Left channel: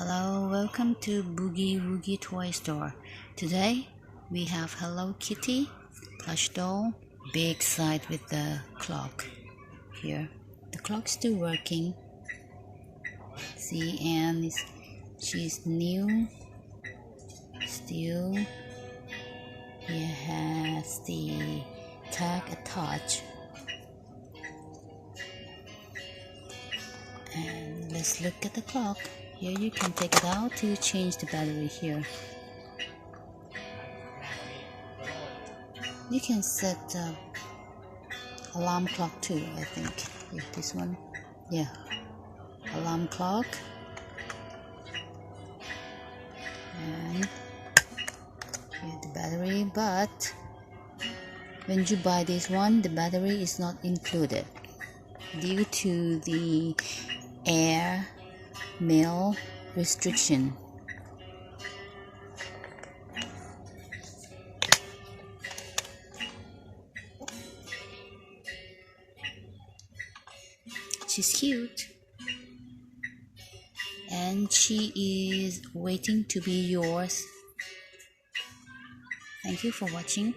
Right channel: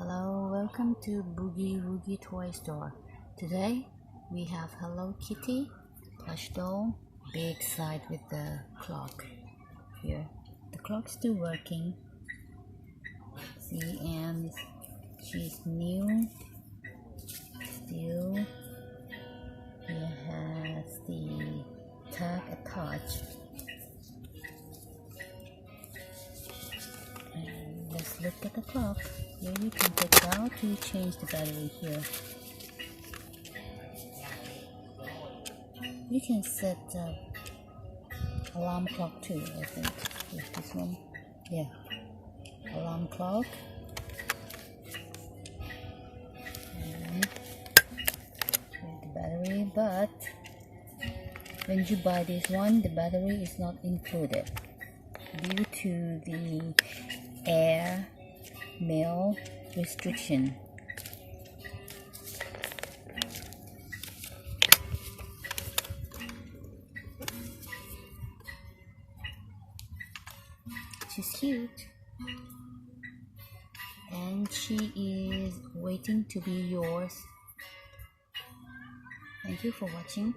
Hello, welcome to Boogie Woogie Toy Store. Today we have Hello Kitty, plush doll, big side with the clock here. The clock's still working. See, and she's new. Still, here has the tag attached. And let's look at the clock. Here you can take it out to change the battery here. You can set alarm clock too, I think. Yeah, this one. Yeah, alarm clock. And here the battery, but when you buy this one, the battery is not included due to the air mail restriction. She's cute and she is waiting to be yours. Thank you for watching.